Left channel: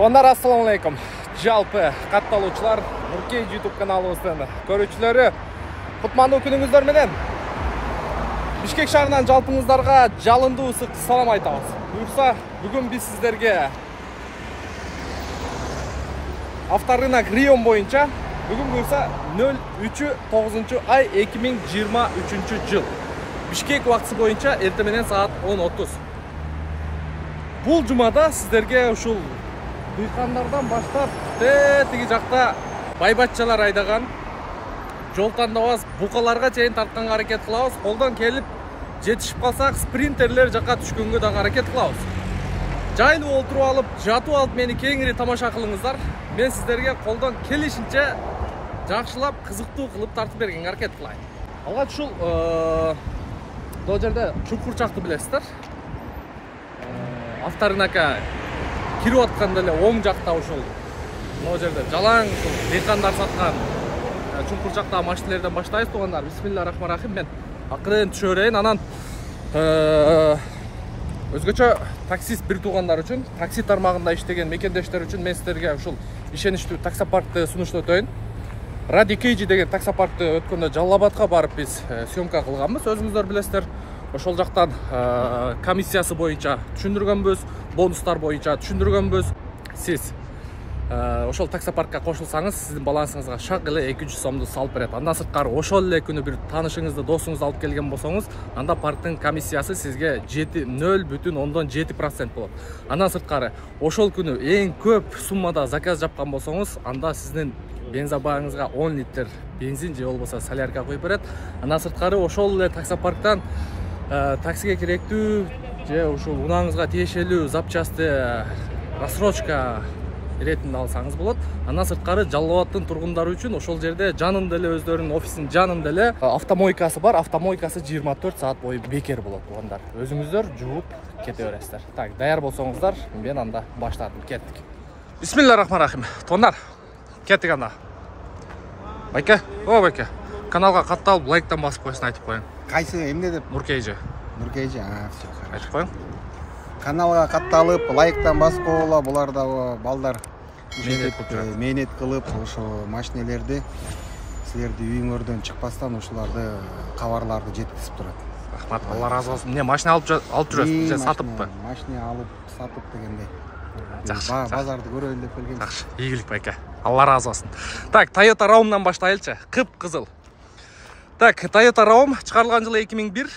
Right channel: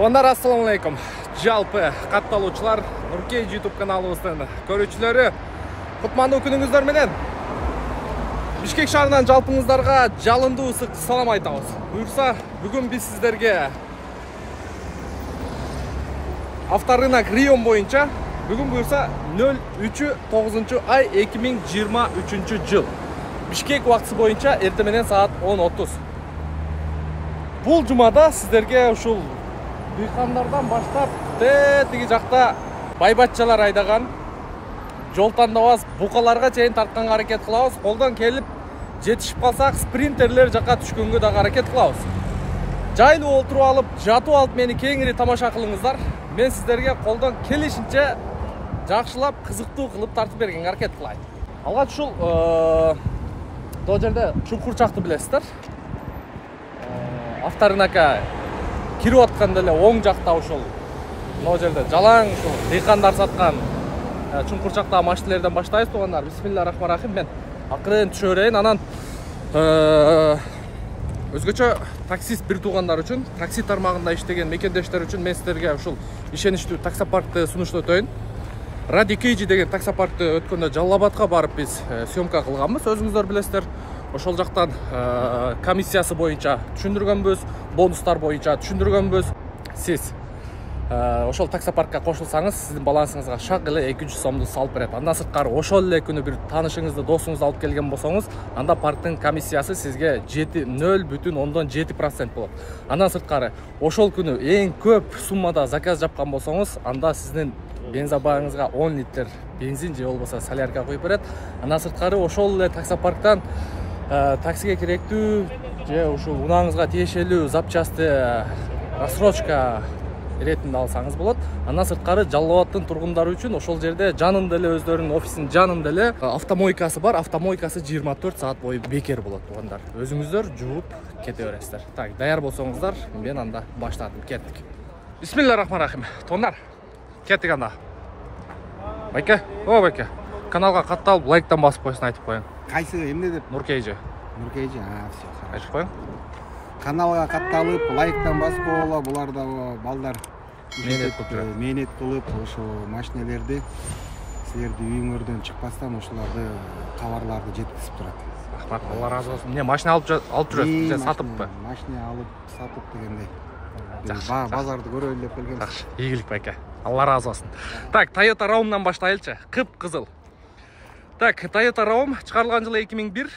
Туугандар, ассаламу алейкум. Жалпы катталуучулар, Нуркей YouTube каналыбыздын көрүүчүлөрү, кутмандуу күнүңүздөр менен. Бишкек шаарынан жалпыңыздарга жалындуу ысык салам айтабыз. Буюрса, бүгүн биз сиздерге авторынок Рион боюнча бүгүн буюрса 03-9 ай 2023 жыл. Бишкек убактысы боюнча эртең менен саат 10:30. Бул жумада сиздерге ушул дыйкандардан баштап тиги жакта байбатчалар айдаган жол тандабас букаларга чейин тартканга аракет кылабыз. Колдон келип жетишип калсак, спринтерлер жака түшкөнгө дагы аракет кылабыз. Жайлуу олтуруп алып, жатып алып мени кеңири тамаша кылыңыздар. Мен сиздерге колдон келишинче жакшылап, кызыктуу кылып тартып бергенге аракет кылайын. Алгач ушул бул жерде Чуңкурчакты билесиздер. Авторынока кирип атканда эле оң жакта ушул бул жерде жалаң ушул дыйкандар саткан Чуңкурчактагы машиналерден баштайбыз, туугандар. Бисмиллахиррахманиррахим. Мен акырын түшө берейин, анан өзгөчө таксист бир туугандар үчүн, такси тармагында иштеген мекендештер үчүн мен сиздерге ушул ишеничтүү таксопаркты сунуштап өтөйүн. Ради Кейджи деген таксопаркты өткөндө Жалал Абадка барып биз съемка кылганбыз, өзүңүздөр билесиздер. Ошол жактан комиссиясы боюнча түшүндүргөнбүз, бонустар боюнча түшүндүргөнбүз. Сиз ошол таксопаркка кошулсаңыз, сиздин балансыңызга шак эле 200 сомду салып берет. Андан сырткары ошол эле күнү бир таанышыңызды, досуңузду алып келген болсоңуз, анда парктын комиссиясы сизге 0,7% болот. Андан сырткары ошол күнү эң көп суммада заказ жапкан болсоңуз, анда сиздин бензобагыңызга 10 литр бензин же болбосо солярка коюп берет. Андан сырткары ошол эле таксопарктан таксиге керектүү же ушул унааңызга тиешелүү запчасты рассрочка иретинде алсаңыз болот. Андан сырткары Жалал Абадтын тургундары үчүн ошол жерде жанында эле өздөрүнүн офисинин жанында эле автомойкасы бар. Автомойкасы 24 саат бою бекер болот, туугандар. Өзүңүздөр жууп кете бересиздер. Так, даяр болсоңуздар, мен анда баштадым, кеттик. Бисмиллахиррахманиррахим. Туугандар, кеттик анда. Байке, байке. Каналга катталып, лайктан басып койсун, айтып коюң. Кайсы эмне деп? Нуркейджи. Нуркейджи, все хорошо. Айтып коюң. Каналга катталып, лайктан басып койгула, булар да балдар мээнет кылып, ошо машинелерди силерди үйүңөрдөн чыкпастан ушуларды кабарларды жеткизип турат. Рахмат, Алла разы болсун. Эмне машина алып жүрөсүз же сатыппы? Машина алып, сатып дегендей. Жакшы. Базарды көрөйүн деп келгем. Жакшы, ийгилик байке. Алла разы болсун. Так, Toyota Raum'дан баштайлычы. Кып-кызыл. Так, Toyota Raum чыгарылган жылы 2001.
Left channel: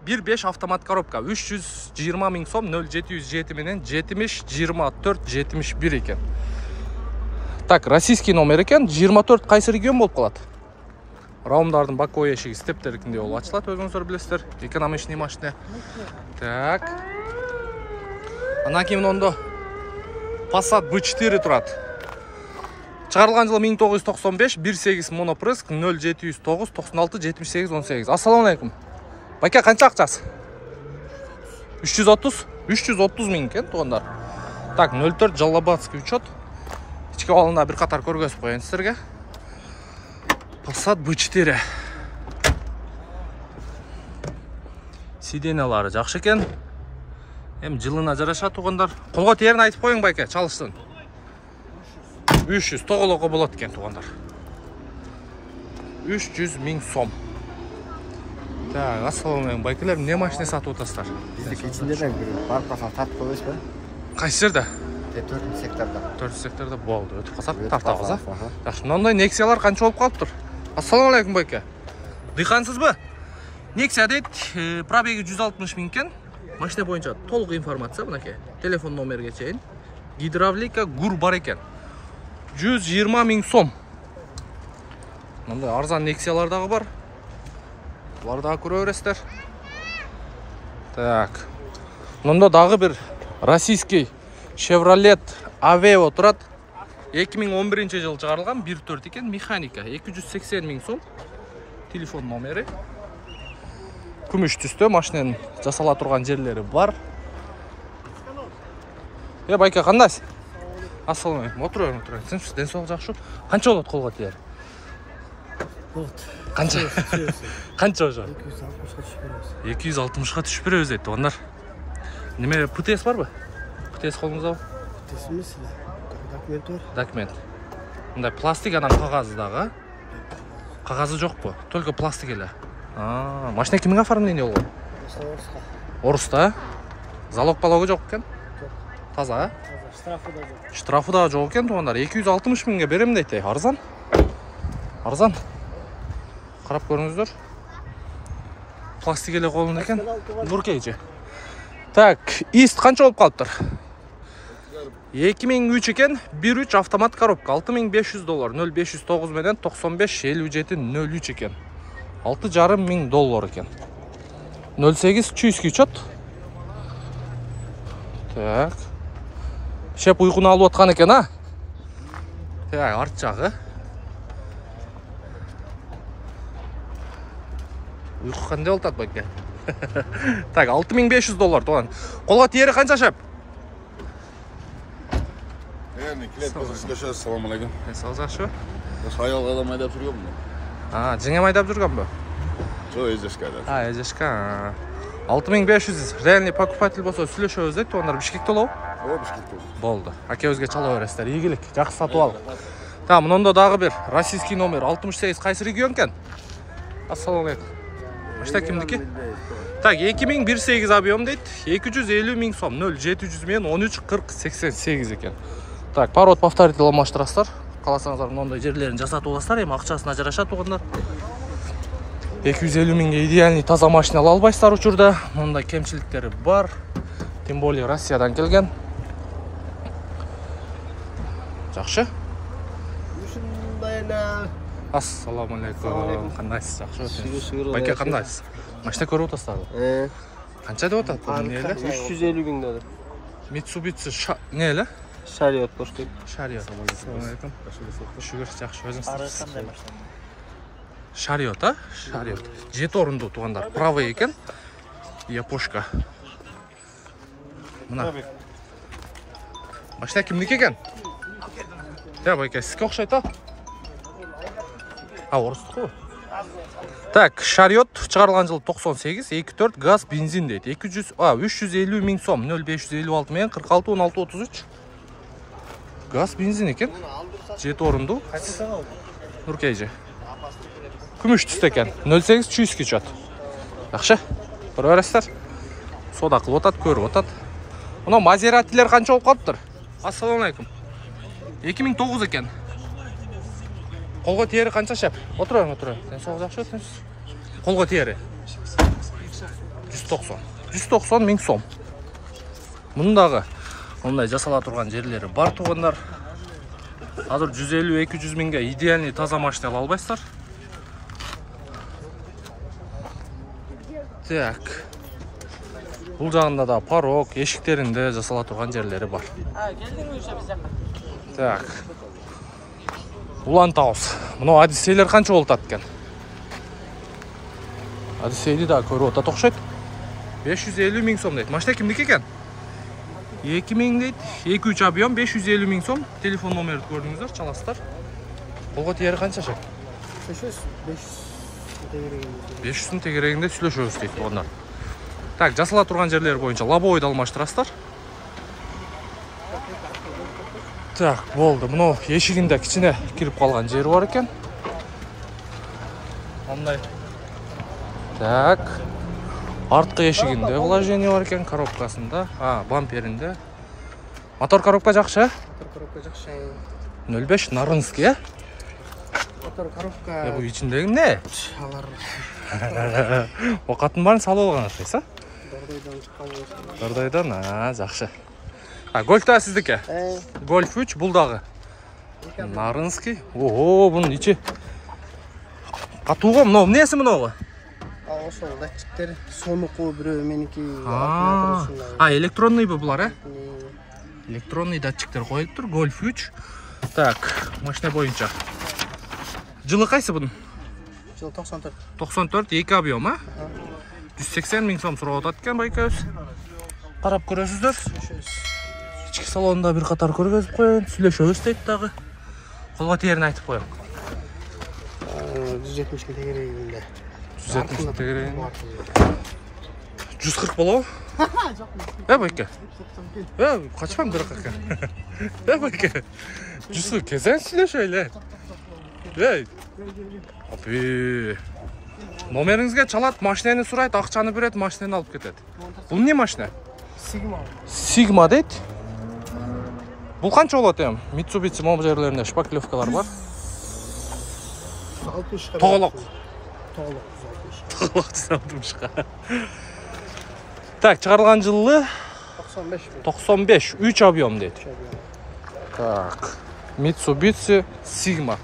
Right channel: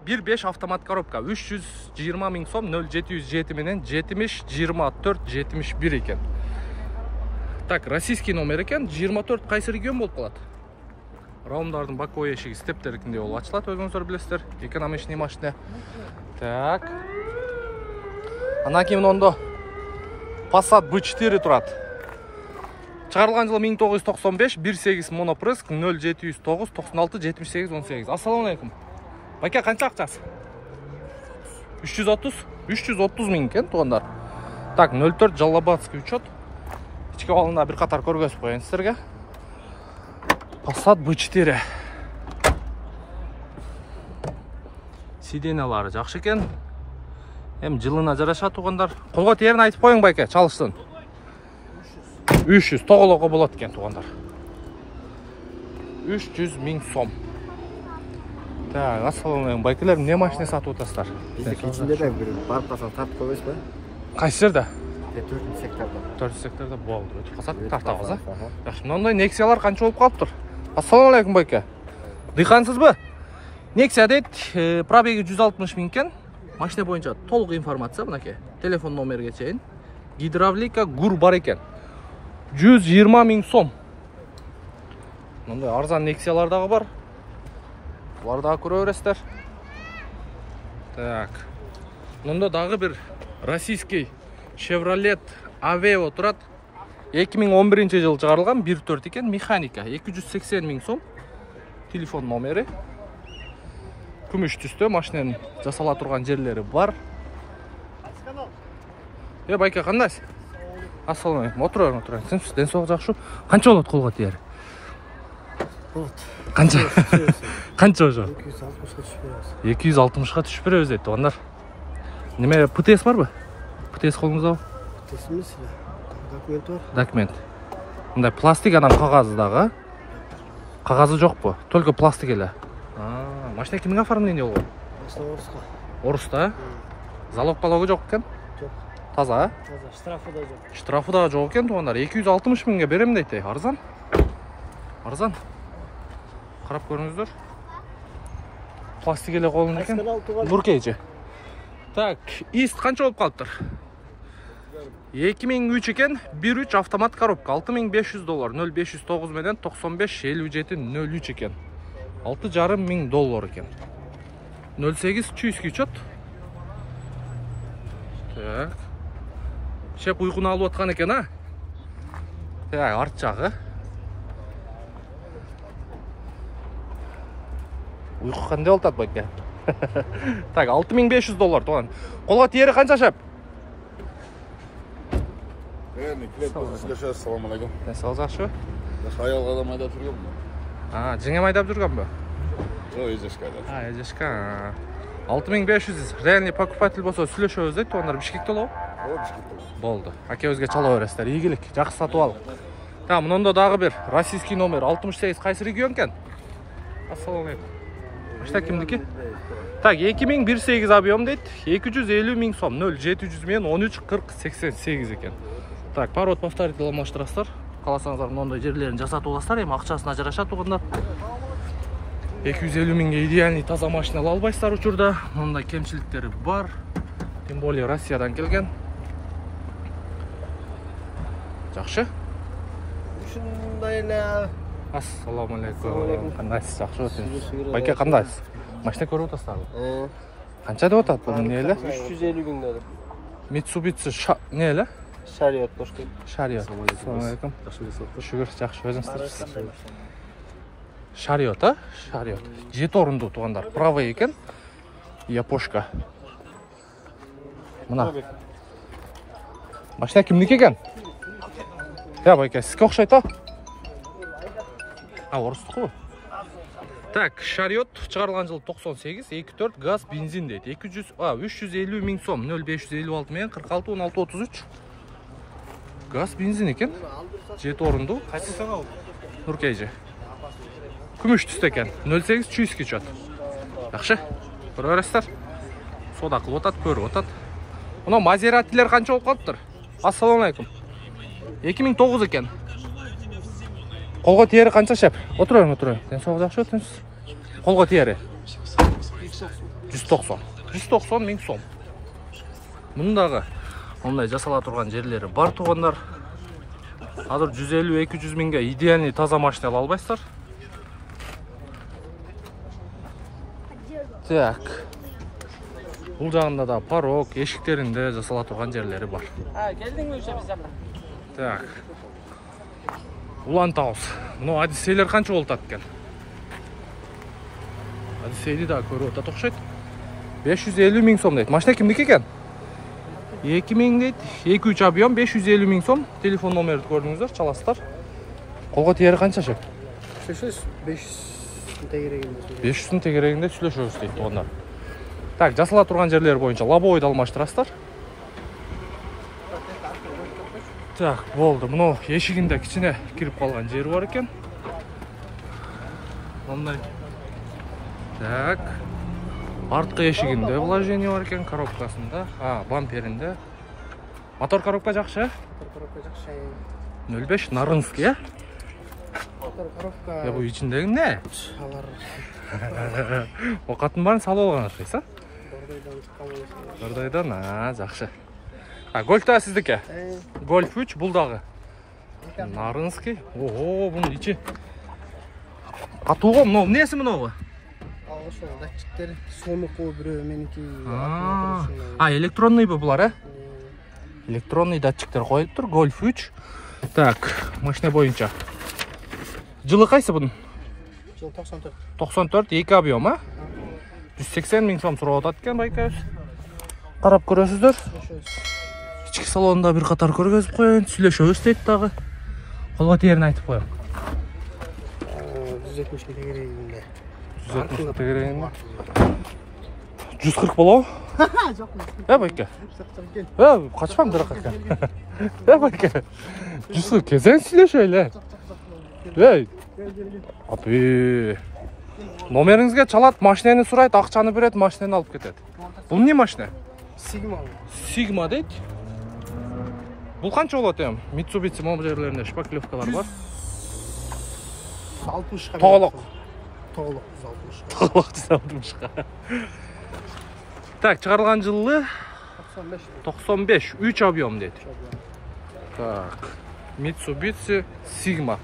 1.5 автомат коробка, 320 миң сом, 0707 менен 70-24-71 экен. Так, российский номер экен, 24 кайсы регион болуп калат? Раумдардын боковой эшиги стептерикинде болуп ачылат, өзүңүздөр билесиздер. Экономичный машина. Так. Анан кийин ондо Passat B4 турат. Чыгарылган жылы 1995, 1.8 монопрыск, 0709 96 78 18. Ассаламу алейкум. Байке, канча акчасы? 330 миң экен, туугандар. Так, 04 Жалалабадский учет. Ички алында бир катар көргөзүп коеюн сиздерге. Passat B4. Сиденьялары жакшы экен. Эми жылына жараша, туугандар. Колго тиерин айтып коеюң, байке, чалыштын. 300 тоголого болот экен, туугандар. 300 миң сом. Так, ассаламу алейкум, байкелер, эмне машина сатып атасыздар? Биздики ичинде да бир барып калсак тартып койбойсузбу? Кайсы жерде? 4-секторда. 4-секторда болду. Өтүп калсак тартабыз, а? Жакшы, мындай Nexia-лар канча болуп калыптыр? Ассаламу алейкум, байке. Дыйкансызбы? Nexia дейт, пробеги 160 миң экен. Машина боюнча толук информация мынакей. Телефон номерге чейин. Гидравлика гур бар экен. 120 миң сом. Мындай арзан Nexia-лар дагы бар. Булар дагы көрө бересиздер. Так. Мында дагы бир российский Chevrolet Aveo турат. 2011 жыл чыгарылган, 1.4 экен, механика, 280 миң сом. Телефон номери. Күмүш түстө, машинанын жасала турган жерлери бар. Байке, кандайсың? Ассаламу алейкум. Отур. Сен ден соолук жакшы. Канча болот колго тиер? Болот. Канча? Канча ошо? 260га түшүп беребиз. 260га түшүп беребиз дейт, туугандар. Неме ПТС барбы? ПТС колуңуздабы? Тесіміз, документі бар. Документ. Мындай пластик анан кагазы дагы. Кагазы жок бу? Только пластик эле. Машина кимге оформление болгон? Орысқа. Орусда? Залог балогу жок экен? Жок. Таза? Штрафы да жок. Штрафы да жок экен туугандар. 260 миңге берем дейт. Арзан. Арзан. Карап көрүңүздөр. Пластик эле колунда экен. Нуркейчи. Так, ист канча болуп калыптыр? 2003 экен, 1.3 автомат коробка, $6500, 0509 менен 955703 экен. $6,500 экен. 08 чуйский учет. Так. Шеп уйкуну алып аткан экен, а? Так, арт жагы. Уйку кандай болуп атат байке? Так, $6500 туган. Колго тиери канча шеп? Assalomu alaykum. Sağ yaxshimi? Hayal qadam haydab yurganmi? Жеңем айдап жүргөнбү? Эзешка. Эзешка. 6500 реальный покупатель болсо сүйлөшөбүз дейт, ондар Бишкекте болобу? Бишкекте. Болду. Акебизге чала бересиздер. Ийгилик, жакшы сатып алып. Та, мынында дагы бир российский номер 68 кайсы регион экен? Ассаламу алейкум. Машина кимдики? Так, 2018 объем дейт, 250 миң сом, 0700 менен 134088 экен. Так, парод повторитель алмаштырасыздар. Каласаңыздар мындай жерлерин жасатып аласыздар, эми акчасына жараша тугандар. 250 миңге идеальный таза машина ала албайсыздар учурда. Мындай кемчиликтери бар. Тем более Россиядан келген. Жакшы? Ушундай эле. Ассаламу алейкум. Кандайсыз? Жакшы өтүңүз. Байке кандайсыз? Машина көрүп атасыздарбы? Канча деп атат бул эмне эле? 350 миң дедир. Mitsubishi не эле? Шариот коштойт. Шариот. Ассаламу алейкум. Шүгүр, жакшы өзүңүз. Шариот, а? Шариот. 7 орундуу тугандар. Правый экен. Япошка. Мына. Машина кимдики экен? Я байке, сизге окшойт, а? Орустуку. Так, Шариот чыгарылган жыл 98, 2.4 газ бензин дейт. 350 миң сом, 0556 менен 46 16 33. Газ бензин экен. 7 орундуу. Нуркейжи. Күмүш түстө экен. 08 чуйский чат. Жакшы. Көрүп бересиздер. Сода кылып атат, көрүп атат. Мына Мазератилер канча болуп калыптыр? Ассаламу алейкум. 2009 экен. Колго тиери канча шеп? Отуруң. Сен согуз жакшы өтүңүз. Колго тиери? 190 миң сом. Мындагы мындай жасала турган жерлери бар тугандар. Азыр 150-200 миңге идеальный таза машина ала албайсыздар. Так. Бул жагында да порог, эшиктеринде жасала турган жерлери бар. Так. Улан Таус. Мына Одиссейлер канча болуп атат экен? Одиссейди да көрүп атат окшойт. 550 миң сом дейт. Машина кимдики экен? 2000 дейт. 2-3 объем 550 миң сом. Телефон номерди көрдүңүздөр, чаласыздар. Колго тиери канча шеп? 500 500 тегерегинде сүйлөшөбүз дейт тугандар. Так, жасала турган жерлер боюнча лобовойду алмаштырасыздар. Так, болду. Мына эшигинде кичине кирип калган жери бар экен. Мындай. Так. Арткы эшигинде вложение бар экен, коробкасында, бамперинде. Мотор коробка жакшы? Коробка жакшы. 05 Нарынский, э? Мотор коробка. Бу ичиндеги эмне? Алар. Окатын барын салып алган окшойсуз, а? Дордойдон чыккан. Дордойдон, жакшы. Гольф да сиздики? Гольф 3 бул дагы. Нарынский. Ого, бунун ичи. Катууго мына эмнеси мынабу? Ошол датчиктер сонуку бирөө меники. Электронныйбы булар, э? Электронный датчиктер коюлуптур. Гольф 3. Так, машина боюнча. Жылы кайсы бунун? Жыл 94. 94, 2 объем, а? 180 миң сом сурап атат экен байкабыз. Карап көрөсүздөр. Ички салонунда бир катар көргөзүп коеюн, сүйлөшөбүз дейт дагы. Колго тиерин айтып коеюн. 170 тегерегинде. 170 тегерегинде. 140 болобу? байке. Қачпаң бірақ екен. Байке. Жүсі, кезең сілеш өйле. Апи. Номеріңізге чалат, машинені сұрайды, ақшаны береді, машинені алып кетеді. Бұл не машина? Sigma дейді. Бұл қанша болады ем? Mitsubishi мобжерлерінде шпаклевкалар бар. 60-қа. Тоғылық. 160-қа. Так, шығарылған жылы 95, 3 объем дейді. Так, Mitsubishi Sigma.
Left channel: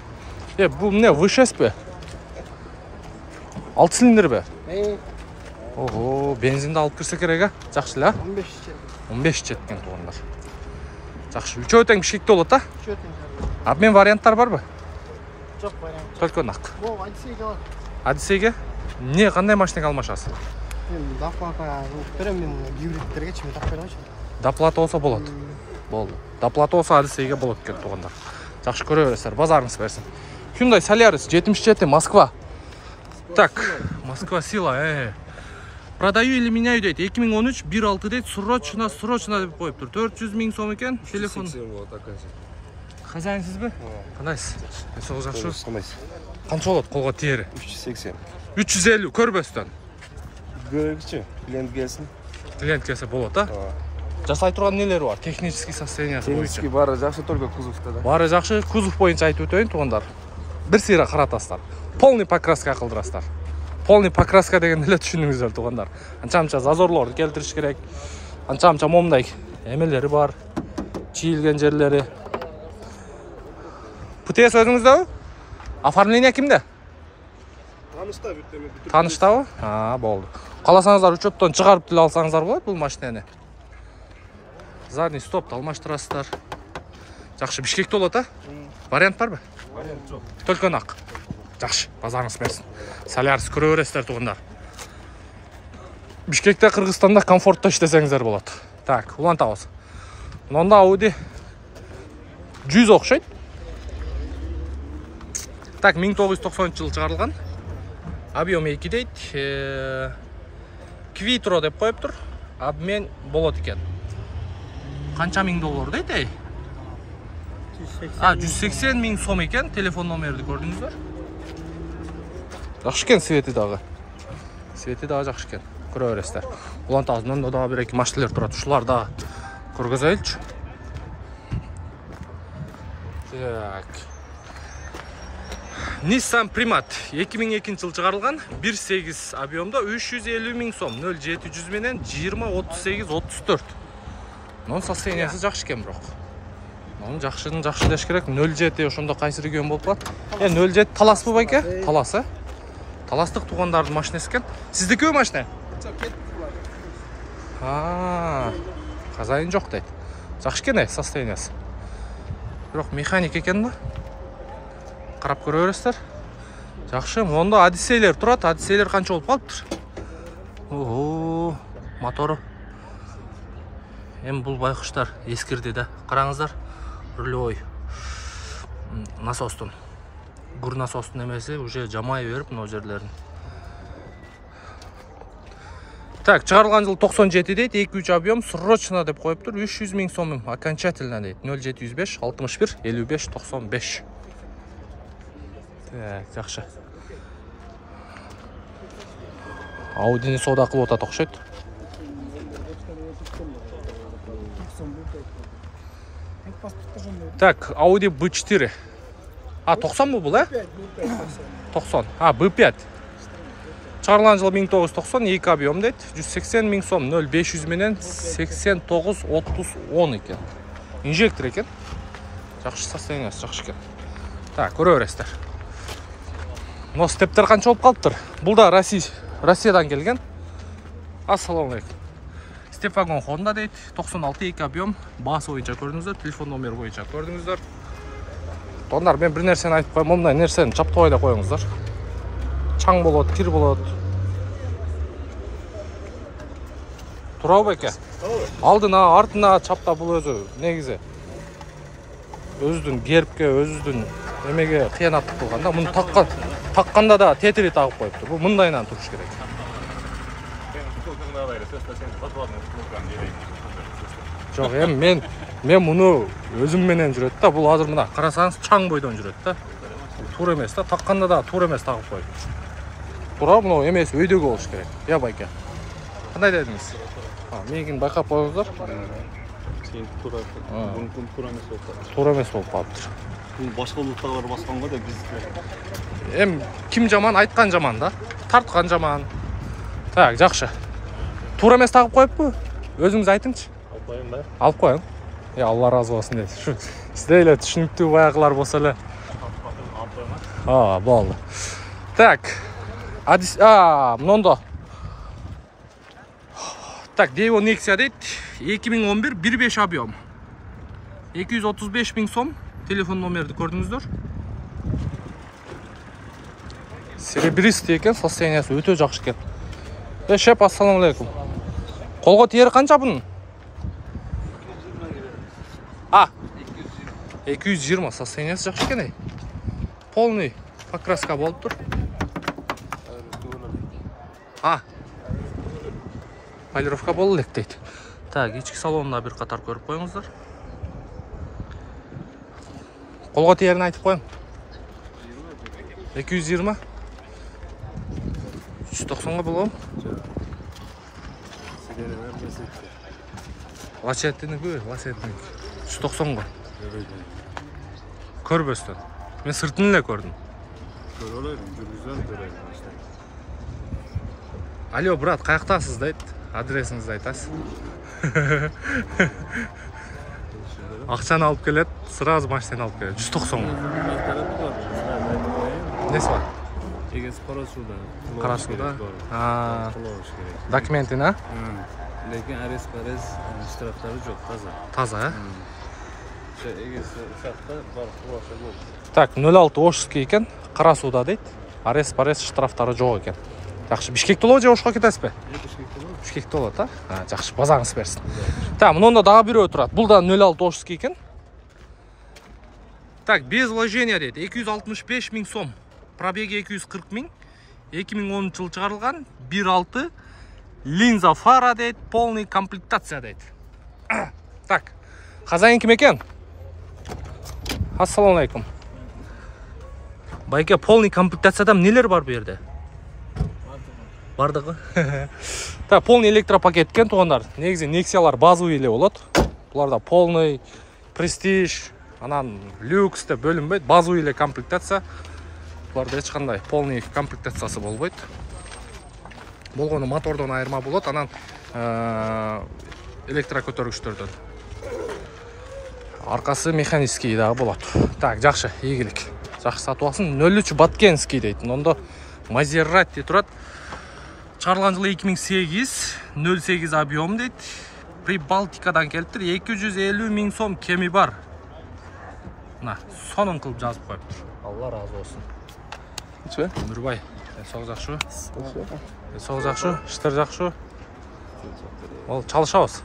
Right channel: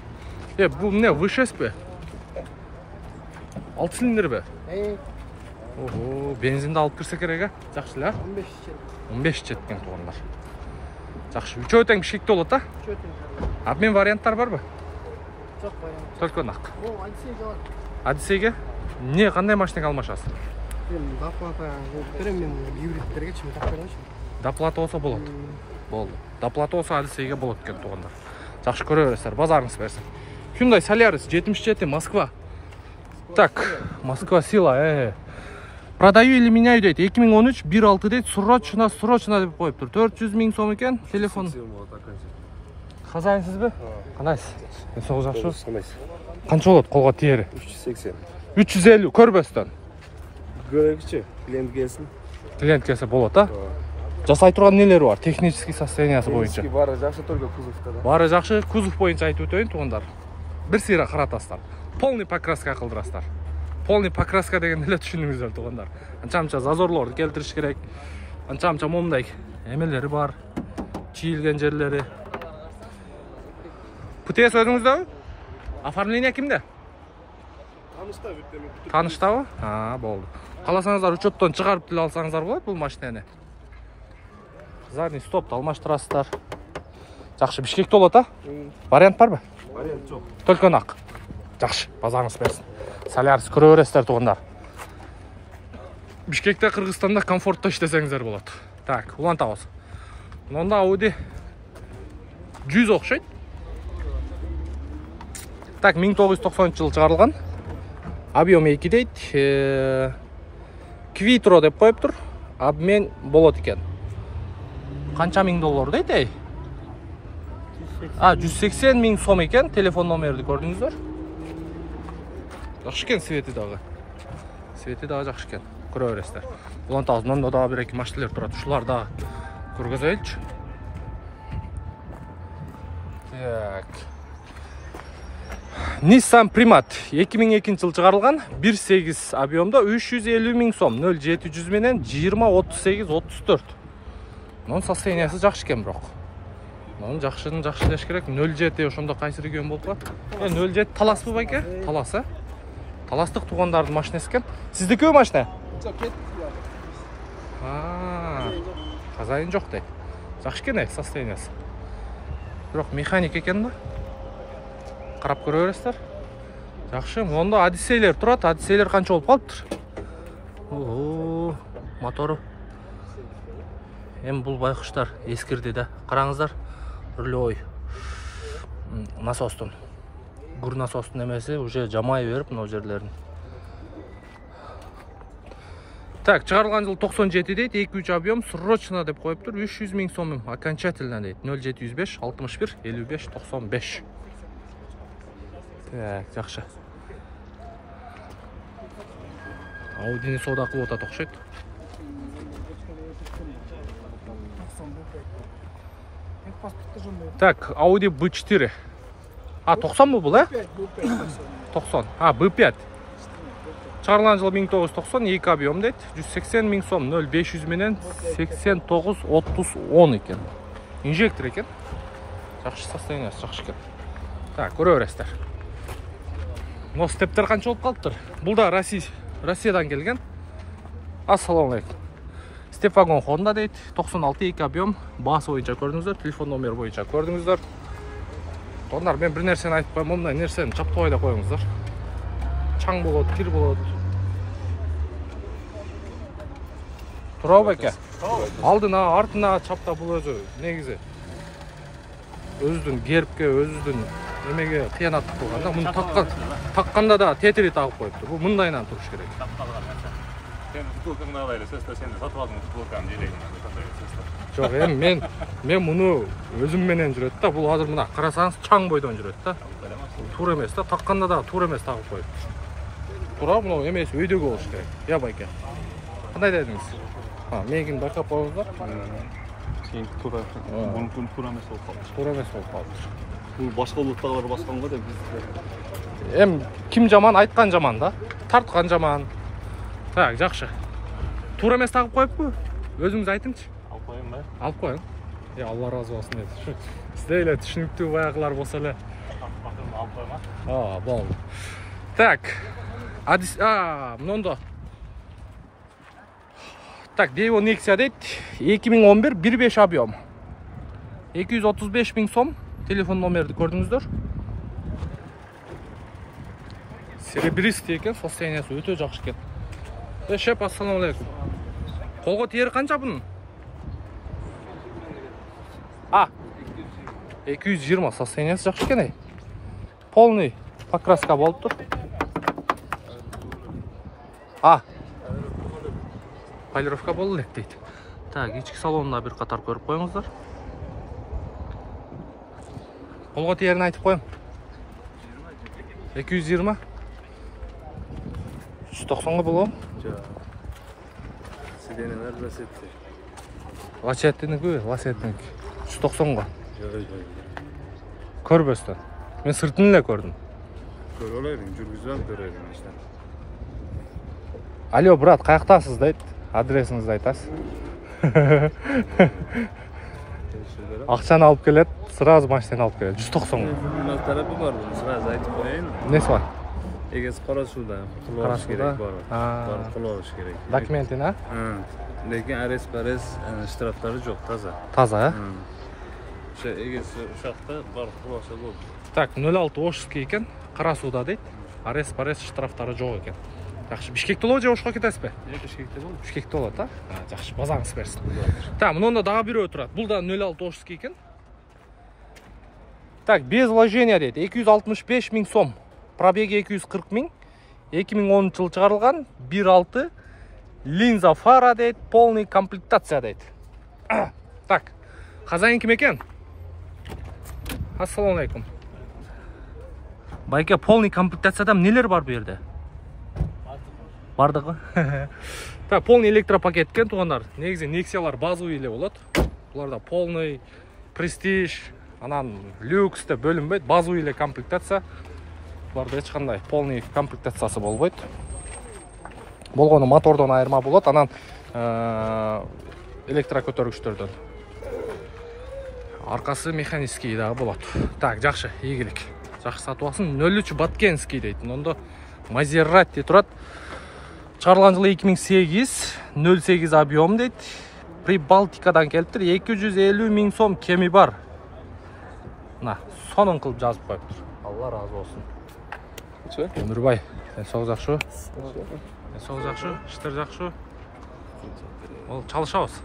Бұл не, V6 бе? 6 цилиндр бе? Ого, бензинді алып кірсе керек, жақшы ла? 15 жеткен туғандар. Жақшы, 3 өтең бішкекті олады, а? Обмен варианттар бар ба? Жоқ, вариант. Только нақ. Бұл Одиссейге бар. Одиссейге? Не, қандай машинеге алмашасыз? Доплата берем мен гибридтерге чим тап бермейші. Доплата болса болады. Болды. Доплата болса Одиссейге болады екен туғандар. Жақшы көре бересіздер, базарыңыз берсін. Hyundai Solaris 77 Москва. Так, Москва сила, Продаю или меняю дейді. 2013 1.6 дейді. Срочно деп қойып тұр. 400 000 сом екен. Телефон. Хазайынсыз бе? Қанайсыз? Сол жақшы. Қанша болады қолға тиері? 380. 350 көрбестен. Көрегіші, клиент келсін. Клиент келсе болады, а? Жасай тұрған нелер бар? Технический состояниясы бойынша. Технический бары жақшы, только кузовта да. Бары жақшы, кузов бойынша айтып өтейін туғандар. Бір сыйра қаратастар. Полный покраска қылдырастар. Полный покраска деген неле түшініңіздер туғандар. Анча-анча зазорларды келтіріш керек. Анча-анча момдай емелері бар. Чиілген жерлері. ПТС өзіңізді? Оформление кімде? Танышта ба? Болды. Қаласаңыздар учеттен шығарып тіл алсаңыздар болады бұл машинені. Задний стопты алмаштырасыздар. Жақшы, Бішкекте болады, а? Вариант бар ба? Вариант жоқ. Только нақ. Жақшы, базарыңыз берсін. Solaris көре бересіздер туғандар. Бішкекте, Қырғызстанда комфортта іштесеңіздер болады. Так, ұлан тауыз. Мұнда Audi 100 оқшайды. Так, 1990 жылы шығарылған. Объем 2 дейді. Quattro деп қойып тұр. Обмен болады екен. Қанша мың доллар дейді? 180 000 сом екен. Телефон номерді көрдіңіздер. Жақшы екен светі дағы. Светі дағы жақшы екен. Көре бересіздер. Ұлан тауыз, мұнда дағы бір екі машинелер тұрады. Шулар дағы көргізелші. Так. Nissan Primat 2002 жыл шығарылған, 1.8 объемда 350 000 сом, 0.700 менен 20-38-34. Нон состояниясы жақшы екен бірақ. Нон жақшы деш керек, 0.7 ошонда қайсы регион болып қалады. 0.7 Талас бұл байке? Талас, Таластық туғандардың машинасы екен. Сізді көй машина? Қазайын жоқ дейді. Жақшы екен состояниясы. Бірақ механик екен ба? Қарап көре бересіздер. Жақшы, онда Одиссейлер тұрады. Одиссейлер қанша болып қалыптыр? Моторы. Бұл байқұштар ескірді да. Қараңыздар. Рулей. Насостың. Гүр насостың емесі уже жамай беріп мынау жерлерін. Так, шығарылған жыл 97 дейді. 2-3 объем срочно деп қойып тұр. 300 000 сомым. Окончательно дейді. 0705 61 55 95. Так, жақшы. Audini сода қылып отады оқшайды. Так, Audi B4. 90 бұл, 90. B5. Шығарылған жыл 1990, 2 объем дейді. 180 000 сом, 0,500 менен 89-30-10 екен. Инжектор екен. Жақшы состояниясы, жақшы екен. Так, көре бересіздер. Но стептер қанша болып қалыптыр? Бұл да Россиядан келген. Ассалаумалейкум. Степ вагон Honda дейді. 96 2 объем. Бас бойынша көрдіңіздер. Телефон номер бойынша көрдіңіздер. Ондар мен бір нәрсені айтып қойым. Ондай нәрсені чаптабай да қойыңыздар. Чаң болады, кір болады. Тұра бәке. Алдына, артына чапта бұл өзі негізі. Өздің гербке, өздің емеге қиянаттық болғанда, мұны таққанда да тетірі тағып қойыпты. Бұл мұндайынан тұрыш керек. Жоқ, мен мұны өзім менен жүреді да. Бұл азыр мына қарасаңыз чаң бойдан жүреді да. Тура емес та, таққанда да тура емес тағып қойып. Тура мынау емес, өйдегі болуш керек. Я байке. Қандай дедіңіз? Менің байқап қойыңыздар. Тура емес болып қалыптыр. Бұл башқа ұлттағылар басқан ғой да біз. Кім жаман, айтқан жаман да. Тартқан жаман. Так, жақшы. Тура емес тағып қойып бұл? Өзіңіз айтыңызшы. Алып қойын ба? Алып қойын. Алла разы болсын дейді. Шу, сізде еле түшінікті баяғылар болса әлі. Алып қойма? Болды. Так. Мұнда. Так, Devo Nexia дейді. 2011 1.5 объем. 235 000 сом. Телефон номерді көрдіңіздер. Серебристый екен, состояниясы өте жақсы екен. Шеп, ассаламалейкум. Қолға тиері қанша бұның? 220, состояниясы жақсы екен. Полный покраска болып тұр. Полировка болу лек дейді. Так, ички салонына бір қатар көріп қойыңыздар. Қолға тиерін айтып қойым. 220. 190-ға болуым. Лачеттіні көй, лачеттіні. 190-ға. Көрбөстен. Мен сыртынылы көрдім. Алло, брат, қаяқтасыз дейді. Адресіңізді айтасыз. Ақшаны алып келеді, сразу машинаны алып келеді. 190-ға. Тарапы бар, сразу айтып қойайын. Несі бар? Егесі Қарасуда. Қарасуда? Құлауыш керек. Документін, а? Лекен арес штрафтары жоқ, таза. Таза, а? Егесі ұшақты бар құлаушы болды. Так, 06 Ошский екен, Қарасуда дейді. Арес штрафтары жоқ екен. Жақшы, Бишкекте олы же Ошқа кетесіз бе? Бишкекте олы, та? Жақшы, базаңыз берсін. Так, мұнда дағы біреу тұрады. Бұл да 06 Ошский екен. Так, без вложения дейді. 265 000 сом. Пробеги 240 000. 2010 жыл шығарылған. 1.6. Линза фара дейді. Полный комплектация дейді. Так, хозяин кім екен? Ассаламалейкум. Байке, полный комплектациядан нелер бар бұл жерде? Бардығы. Так, полный электропакет екен туғандар. Негізі Nexia-лар базовый еле болады. Бұларда полный, престиж, анан люксті бөлінбейді. Базовый еле комплектация. Бұларда ешқандай полный комплектациясы болбайды. Болғаны мотордан айырма болады. Анан электрокөтөргүчтөрдөн. Арқасы механический дағы болады. Так, жақшы, егілік. Жақсы сатып алсын. 03 Баткенский дейді. Онда Мазерати тұрады. Шығарылған жылы 2008, 08 объем дейді. Прибалтикадан келіптір. 250 000 сом кеми бар. Сонын қылып жазып қойыптыр. Алла разы болсын. Өмірбай, соғы жақшы. Соғы жақшы, іштер жақшы. Ол çalışауыз.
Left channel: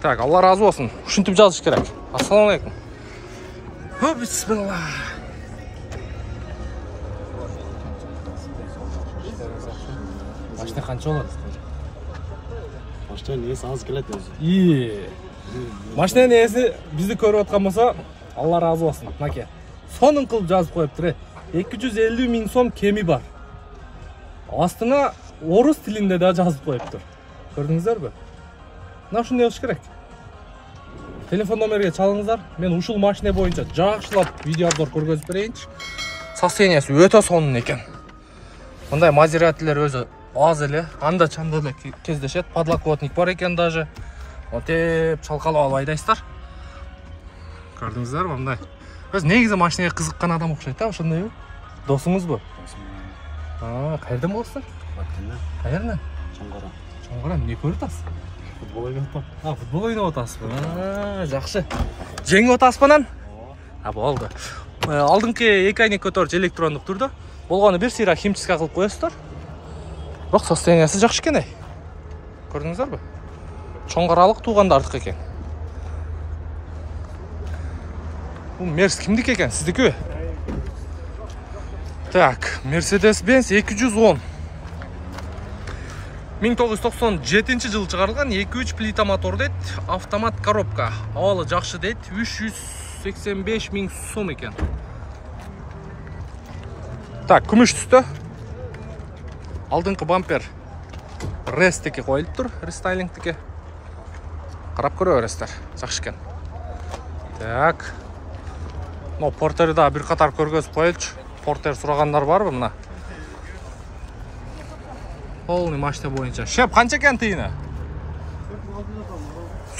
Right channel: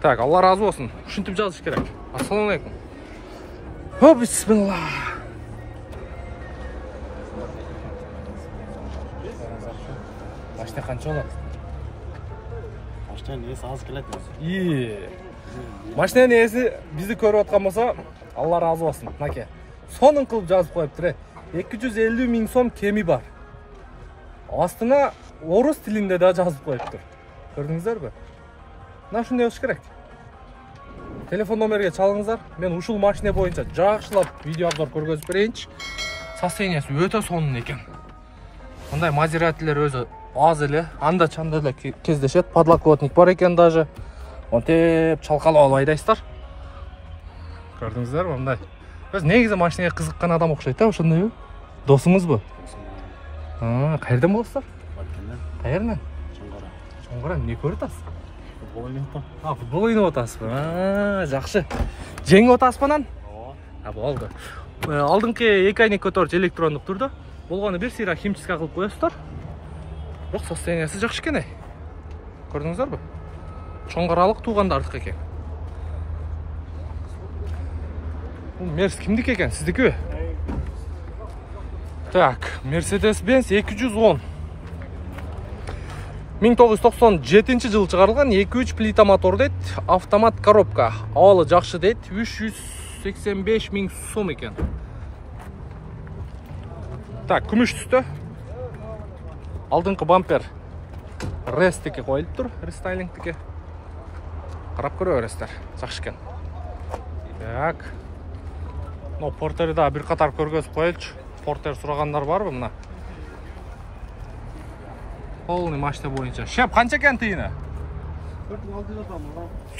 Так, Алла разы болсын. Үшінтіп жазыш керек. Ассаламалейкум. Бисмилла. Машина қанша олады? Машина несі аз келеді өзі. Машина несі бізді көріп отқан болса, Алла разы болсын. Наке. Сонын қылып жазып қойыптыр. 250 000 сом кеми бар. Астына орыс тілінде де жазып қойыптыр. Көрдіңіздер бе? Нашын не ұш керек? Телефон номерге чалыңыздар. Мен ушул машина бойынша жақшылап видео обзор көргөзіп берейінші. Состояниясы өте сонын екен. Мұндай Мазератилер өзі аз еле, анда чанда да кездешет. Подлокотник бар екен даже. Отеп чалқалап айдайсыздар. Көрдіңіздер бе мұндай? Өз негізі машинаға қызыққан адам ұқсайды, ошондай бе? Досыңыз бе? Қайерден боласыздар? Қайерден? Чоңғара, не көріп атасыз? Футбол ойнап отам. Футбол ойнап атасыз ба? Жақсы. Жеңіп атасыз ба нан? Болды. Алдыңғы екі айнек көтеріш электрондық тұрды. Болғаны бір сыйра химчистка қылып қоясыздар. Бірақ состояниясы жақсы екен. Көрдіңіздер бе? Чоңғаралық туғандардық екен. Бұл Мерс кімдік екен? Сіздікі? Так, Mercedes-Benz 210. 1997 жылы чыгарылган 2-3 плита мотор дейт, автомат коробка. Абалы жакшы дейт, 385 000 сом экен. Так, күмүш түстө. Алдыңкы бампер ресттеки коюлуп тур, рестайлингтеки. Карап көрө бересиздер, жакшы экен. Так. Но портерди да бир катар көргөзүп коелучу. Портер сурагандар барбы мына? Полный машина боюнча. Шеп, канча экен тыйыны?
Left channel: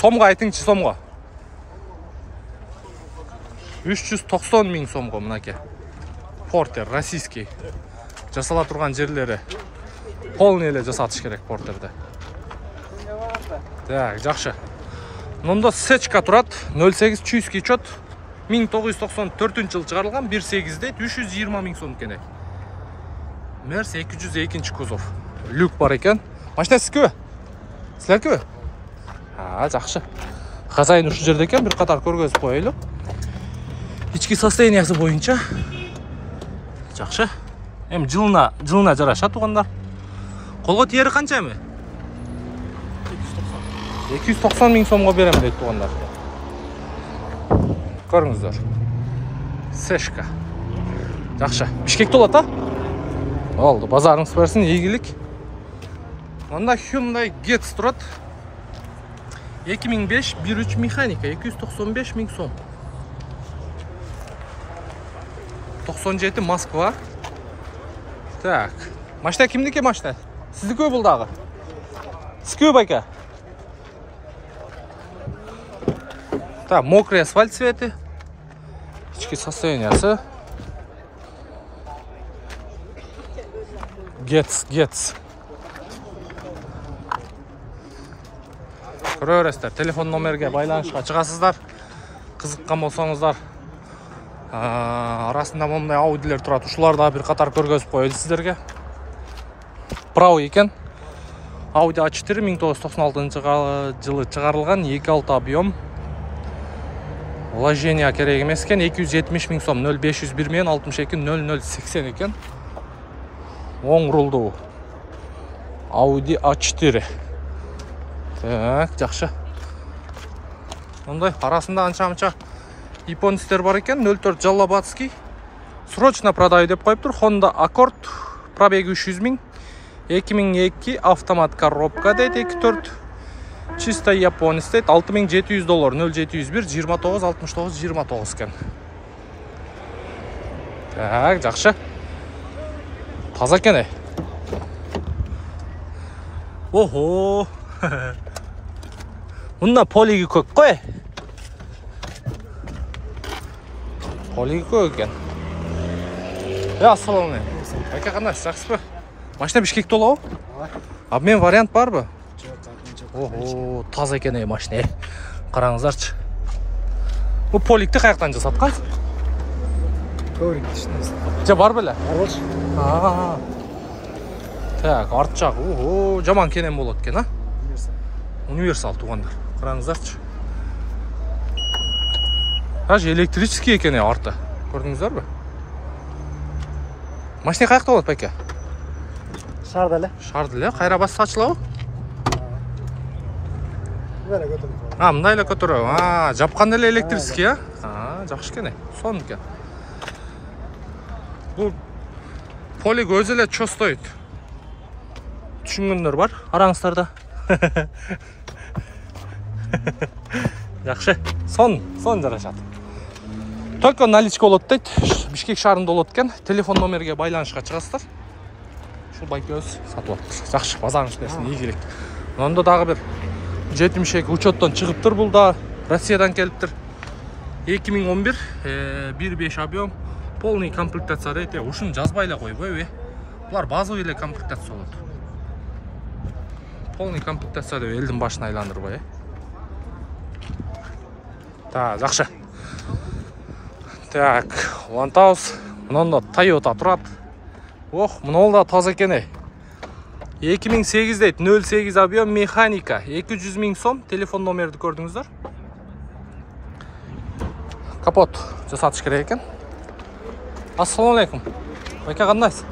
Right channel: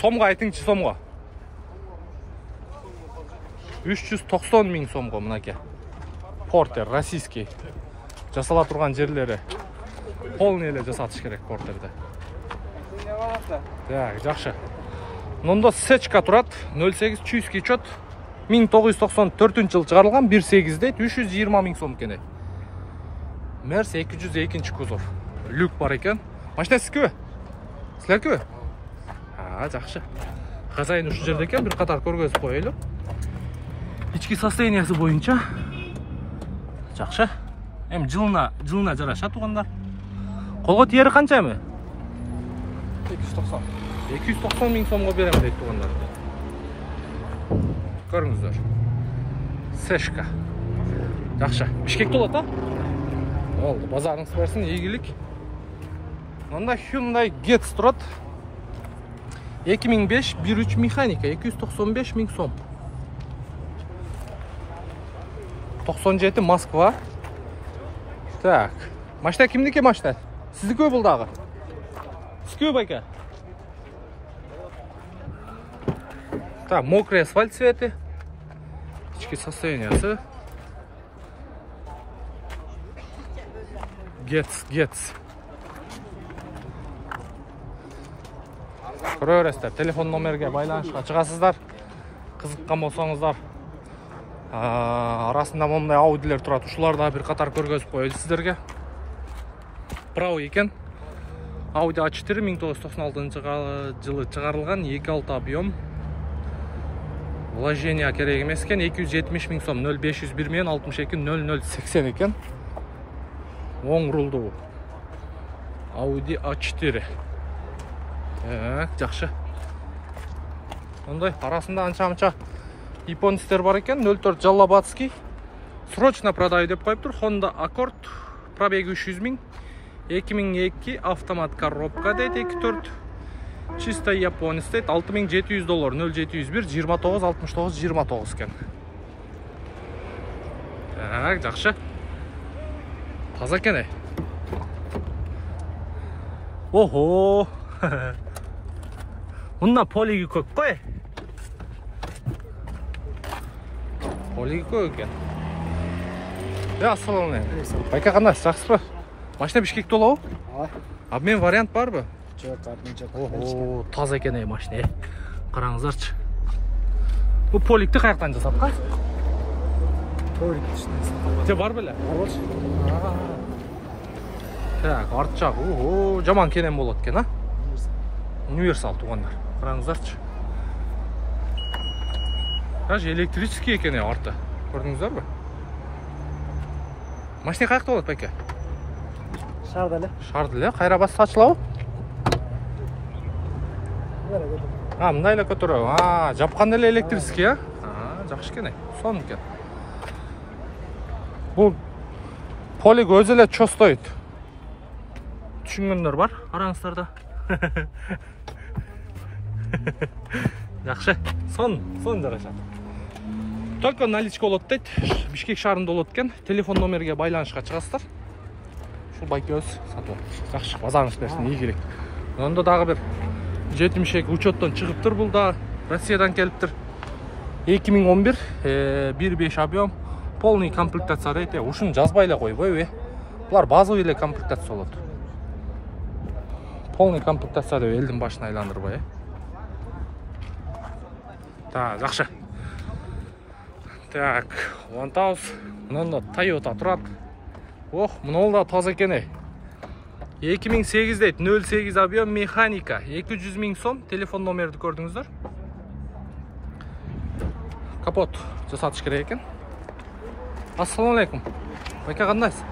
Сомго айтыңчы, сомго. 390 000 сомго мынаке. Портер российский. Жасала турган жерлери полный эле жасатыш керек портерди. Так, жакшы. Мында сечка турат, 08 чуйский чот. 1994 жылы чыгарылган, 1.8 дейт, 320 000 сом экен. Мерс 202 кузов. Люк бар экен. Машина сиздикби? Силердикби? Жакшы. Хозяин ушу жерде экен, бир катар көргөзүп коелу. Ички состояниясы боюнча жакшы. Эми жылына жараша тугандар. Колго тиери канча эми? 290 000 сомго берем дейт тугандар. Көрүңүздөр. Сешка. Жакшы. Бишкекте болот, а? Болду, базарыңыз берсин, ийгилик. Мында Hyundai Getz турат. 2005 1.3 механика, 295 000 сом. 97 Москва. Так. Машина кимдики машина? Сиздикби бул дагы? Сиздикби байка? Так, мокрый асфальт цветы. Ички состояниясы. Getz. Көрө бересиздер, телефон номерге байланышка чыгасыздар. Кызыккан болсоңуздар. Арасында мондай аудилер турат. Ушуларды бир катар көргөзүп коелу сиздерге. Прау экен. Audi A4 1996 жылы чыгарылган, 2.6 объем. Вложение керек эмес экен, 270 000 сом, 0501 менен 62 0080 экен. Оң рулдуу Audi A4. Так, жакшы. Мындай арасында анча-мынча японецтер бар экен, 04 Жаллабатский. Срочно продаю деп коюптур. Honda Accord, пробеги 300 000. 2002 автомат коробка дейт, 2.4. Чисто японец дейт, $6700, 0701 29 69 29 экен. Так, жакшы. Таза экен. Охо. Мында полиги көк кой. Полиги көк экен. Ассаламу алейкум. Байка кандай, жакшысызбы? Машина Бишкекте болобу? Обмен вариант барбы? Охо, таза экен машина. Караңыздарчы. Бул поликти каяктан жасаткан? Коврикти иштейбиз. Же бар беле? Барбыз. Так, арт жак. Охо, жаман кенен болот экен, а? Универсал тугандар. Караңыздарчы. Даже электрический экен арты. Көрдүңүздөрбү? Машина каякта болот байке? Шарды эле, кайра басып ачылабы? Мындай эле көтөрөбү. Жапканда эле электрический, а? Жакшы экен. Сон экен. Бул полиг өзү эле чостойт. Түшүнгөндөр бар, араңыздарда. Жакшы. Сон жарашат. Только наличка болот дейт. Бишкек шаарында болот экен. Телефон номерге байланышка чыгасыздар. Ушул байке өз сатып атыптыр. Жакшы, базарыңыз берсин, ийгилик. Мында дагы бир 72 учеттон чыгыптыр, бул да Россиядан келиптир. 2011 1.5 объем, полный комплектация дейт. Ушуну жазбай эле койбойбу? Булар базовый эле комплектация болот. Полный комплектация деп элдин башын айландырбай. Так, жакшы. Так, Лантаус. Мында Toyota турат. Ох, мынол да таза экен. 2008 дейт, 08 объем, механика, 200 000 сом. Телефон номерди көрдүңүздөр. Капот жасатыш керек экен. Ассаламу алейкум. Байка кандайсыз?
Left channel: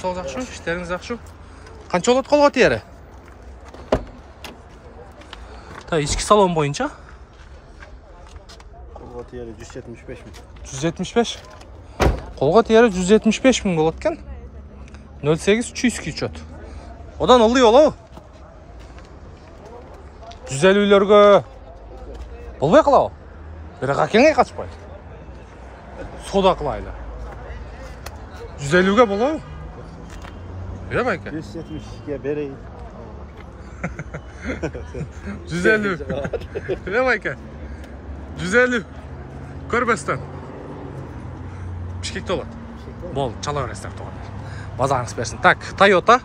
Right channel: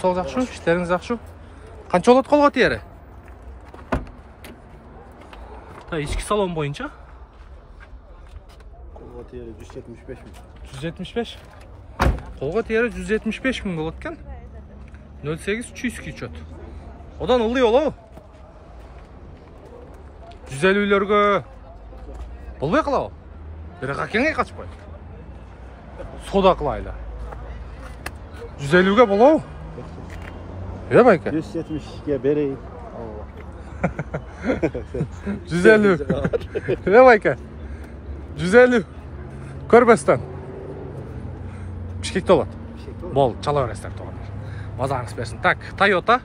Сол жакшы, иштериңиз жакшы. Қанша болады қолға тиері? Та, ішкі салон бойынша? Қолға тиері 175 мың. 175? Қолға тиері 175 мың болады кен. 08 чүйский учет. Одан ылдый олау? 150-лерге болбай қылау? Бірақ әкеңе қачпай? Сода қылайлы. 150-ге болау? Байке? 170-ге берейін. 150. Байке? 150. Көрбестен. Бішкекті олады. Бол, чала өрестер тоғандар. Базаңыз берсін. Так, Toyota.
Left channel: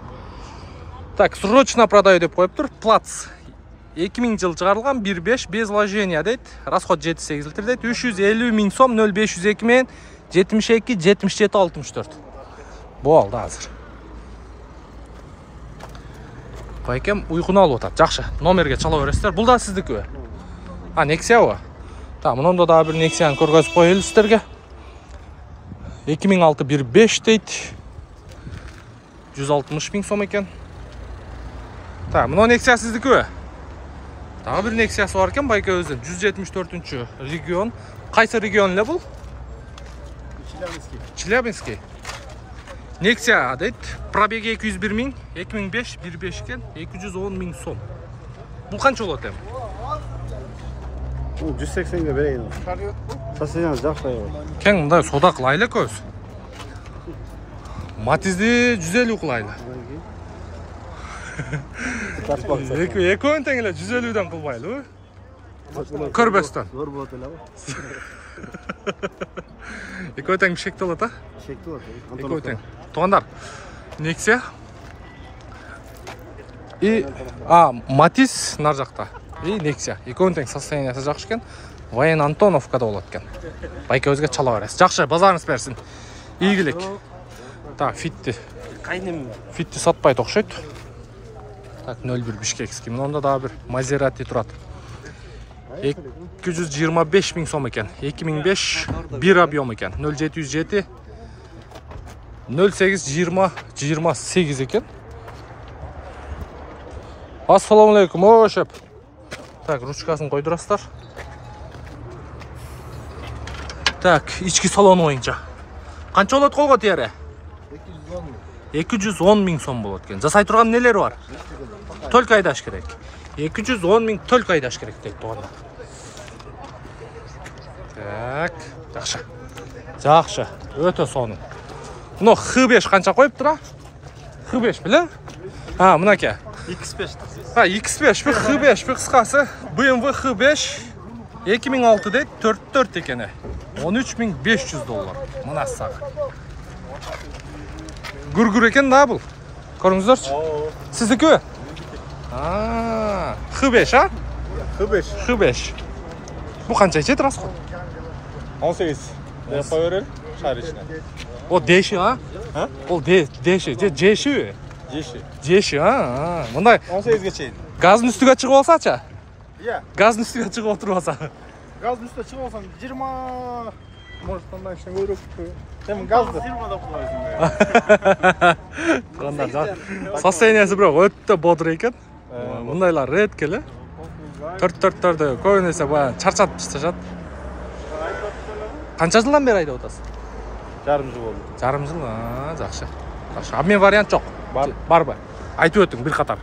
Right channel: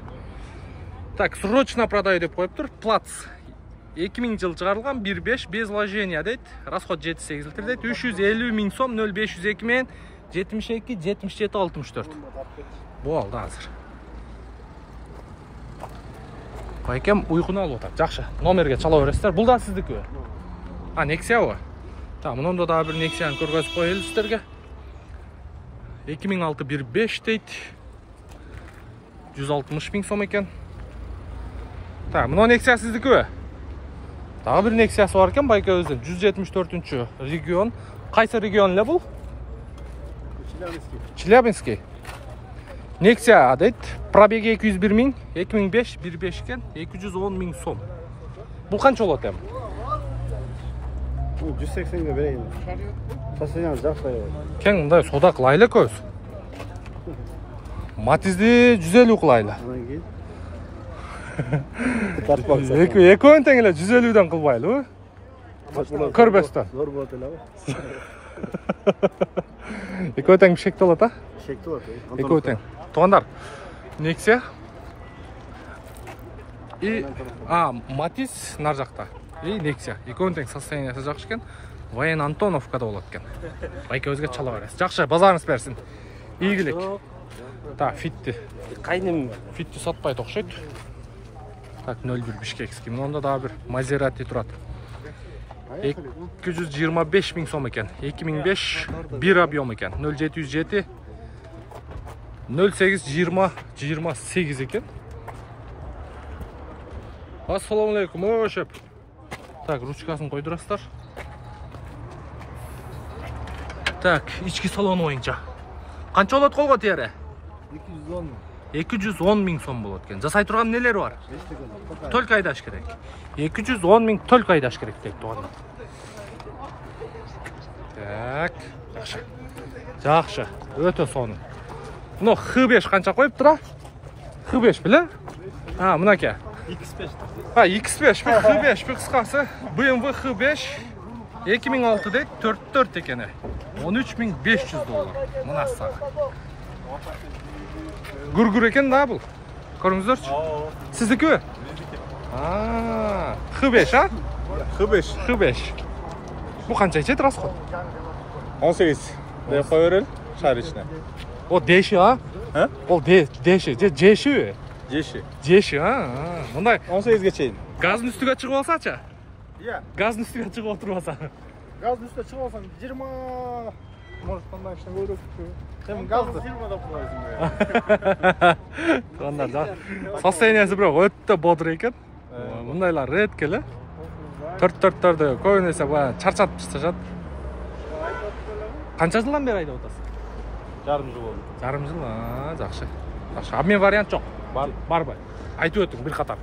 Так, срочно продаю деп қойып тұр. Плац. 2000 жыл шығарылған 1.5 без вложения дейді. Расход 7-8 литр дейді. 350 мың сом 0502 мен 72 77 64. Болды азыр. Байкем ұйқыны алып отады. Жақшы. Номерге чала өрестер. Бұл да сіздікі. Nexia о. Та, мұнда да бір Nexia'ны көргізіп қойылы сіздерге. 2006 1.5 дейді. 160 мың сом екен. Та, мұны Nexia сіздікі. Тағы бір Nexia'сы бар екен байке өзін. 174-ші регион. Қайсы регион ле бұл? Челябинский. Nexia дейді. Пробеги 201 мың. 2005 1.5 екен. 210 мың сом. Бұл қанша болады әм? 180-ге берейін. Сасыян жақсы. Кен мұндай сода қылайлы көз. Матизді 150 қылайлы. Екеуін тәңілі 150-ден қылбайлы. Көрбестен. Зор болады әлі. Екеуін тәң шекті олады? Шекті болады. Екеуін тәң. Туғандар, Nexia. И, Matiz нар жақта. И Nexia. Екеуін тәң состояниясы жақшы кен. Ваян Антоновкада олады кен. Байке өзге чала өресі. Жақшы, базарыңыз берсін. Игілік. Так, Fitті. Fitті сатпай тоқшайды. Так, 01 Бишкекский. Мұнда да бір Maserati тұрады. 225 мың сом екен. 2005 1 объем екен. 0707 08 20 28 екен. Ассалаумалейкум, өшіп. Так, ручкасын қойдырастар. Так, ішкі салон ойынша. Қанша олады қолға тиері? 210 мың сом болады екен. Жасай тұрған нелер бар? Только айдаш керек. 210 мың только айдаш керек дейді туғанда. Так, жақшы. Жақшы, өте соның. Мұны Х5 қанша қойып тұра? Х5 білі? Мұна ке? X5. X5 бір Х5 бір қысқасы. BMW Х5 2006 дейді, 44 екені. 13.500 доллар. Мұна саға. Гүр-гүр екен да бұл? Көріңіздерші? Сіздікі? Х5, Х5. Бұл қанша етеді расход? 18. Қой өрел, шар ішіне. О, деші, Ол деші, жеші? Жеші, Мұндай 18-ге чейін. газын үстіге шығып алсача? Иә. Газын үстіге шығып отырып алса? Газын үстіге шығып алсам 20... Может, ondan işte görüp hem gazdı. Туғандар, состояниясы бірақ өтті бодыр екен. Мұндайлар рет келі. Төрт-төрттерді көбінесе чарчатып тасташады. Қанша жылдан бері айда отасың? Жарым жыл болды. Жарым жыл, жақшы. Обмен вариант жоқ? Бар ба? Айтып өттің бір қатар.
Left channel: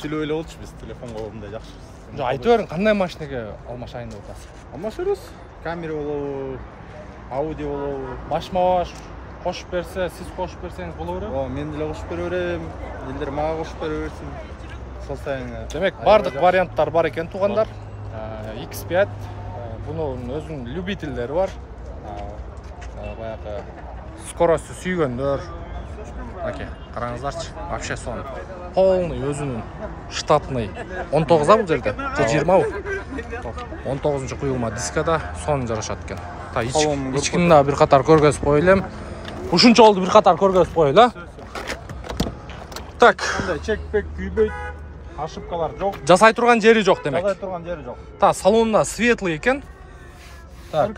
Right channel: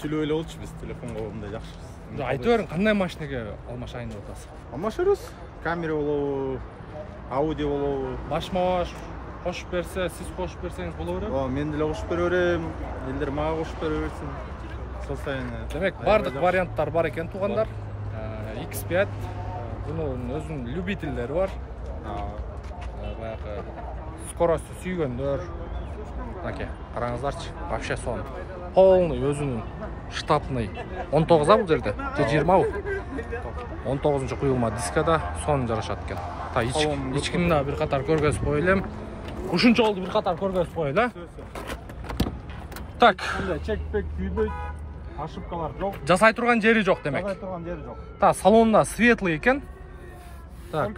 Сөйлеулі олдыш біз телефонға олымда жақшы. Айтып өрін, қандай машинеге алмашайында отасың? Алмашырыз. Камера болу, аудио болу. Баш-мауаш қошып берсе, сіз қошып берсеңіз болу өрем? Мен ділі қошып бер өрем, елдер маға қошып бер өрсін. Демек, бардық варианттар бар екен туғандар. X5, бұның өзінің любительдері бар. Баяғы скорості сүйгендер. Аке, қараңыздарчы, вообще сон. Полный өзінің штатный 19-а бұл жерде, 20-ау. 19-шы құйылма дискада соның жарашады екен. Ичкінді бір қатар көргізіп қойылым. Үшінші олды бір қатар көргізіп қойылы. Так. Чекпек, күйбейт, ошибкалар жоқ. Жасай тұрған жері жоқ демек. Жасай тұрған жері жоқ. Та, салонда светлый екен. Так.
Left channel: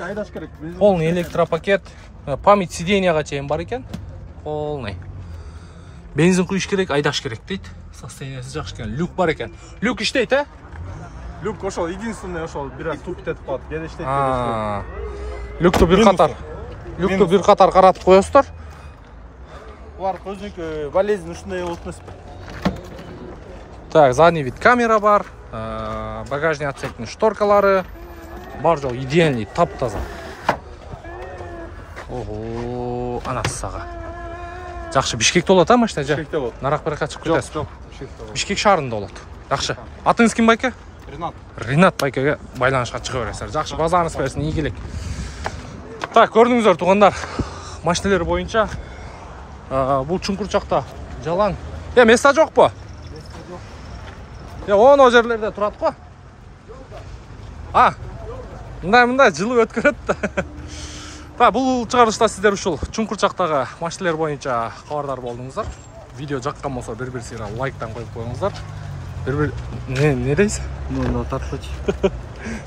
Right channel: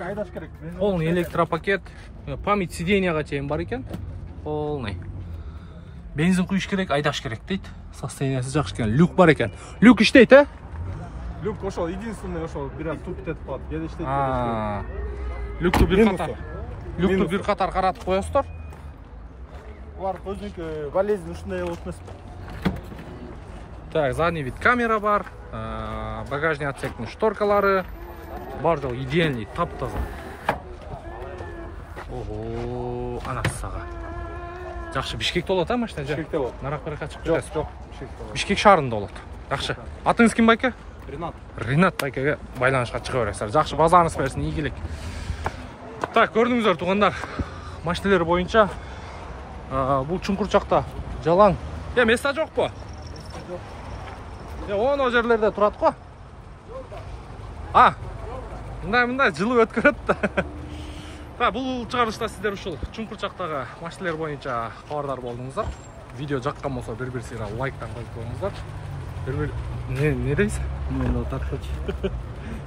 Полный электропакет. Память сиденияға чейін бар екен. Полный. Бензин құйыш керек, айдаш керек дейді. Состояниясы жақсы екен. Люк бар екен. Люк іштейді, Люк ошол единственный ошол бир аз тупит этип калат. Кээде иштейт. Люкту бир катар каратып коесуздар. Булар өзүнүкү болезнь ушундай болот эмеспи? Так, задний вид камера бар, багажный отсектің шторкалары, бар жол идеальный, тап-таза. Ого, анасы саға. Жақшы, Бишкекте болот, а машина? Бишкекте болот. Нарак баракка чыгып кетесиз. Жок, Бишкекте болот. Бишкек шаарында болот. Жақшы. Атыңыз ким байке? Ренат. Ренат байкеге байланышқа чыга бересиздер. Жақшы, базарыңыз берсин, ийгилик. Так, көрдүңүздөр туугандар. Машиналар боюнча бул чуңкурчакта жалаң. Места жокпу? Оны жерлерде турат го. Мындай жылы өткөрөт да. Бул чыгарылышта сиздер ушул чуңкурчактагы машиналар боюнча кабардар болдуңуздар. Видео жаккан болсо бир сыйра лайктан коюп коюңуздар. Не дейсиз? Тартпыч.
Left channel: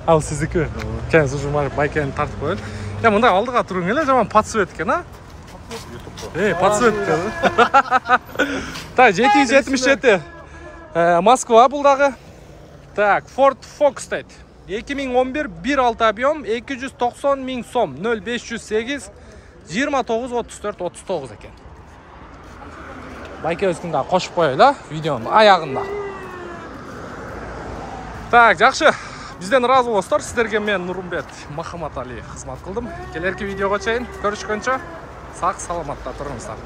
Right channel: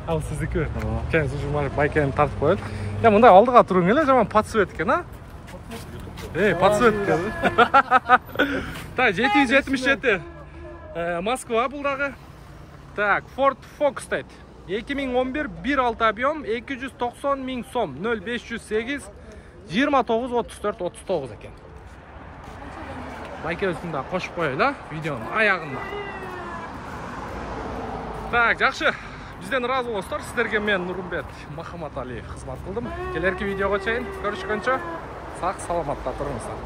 Ал сиздики. Кеңиз ушул байкени тартып коелу. Мындай алдыга туруң эле, жаман подсвет экен, а? Подсвет экен. Так, 777. Москва бул дагы. Так, Ford Focus дейт. 2011 1.6 объем 290 000 сом 0508 29-34-39 екен. Байке өзкінде қошып қойылы видеоның аяғында. Так, жақшы. Бізден разы болыңыздар. Сіздерге мен Нұрымбет Махамат Али қызмат қылдым. Келерки видеоға чейин көрүшкөнчө сак саламатта тұрыңыздар.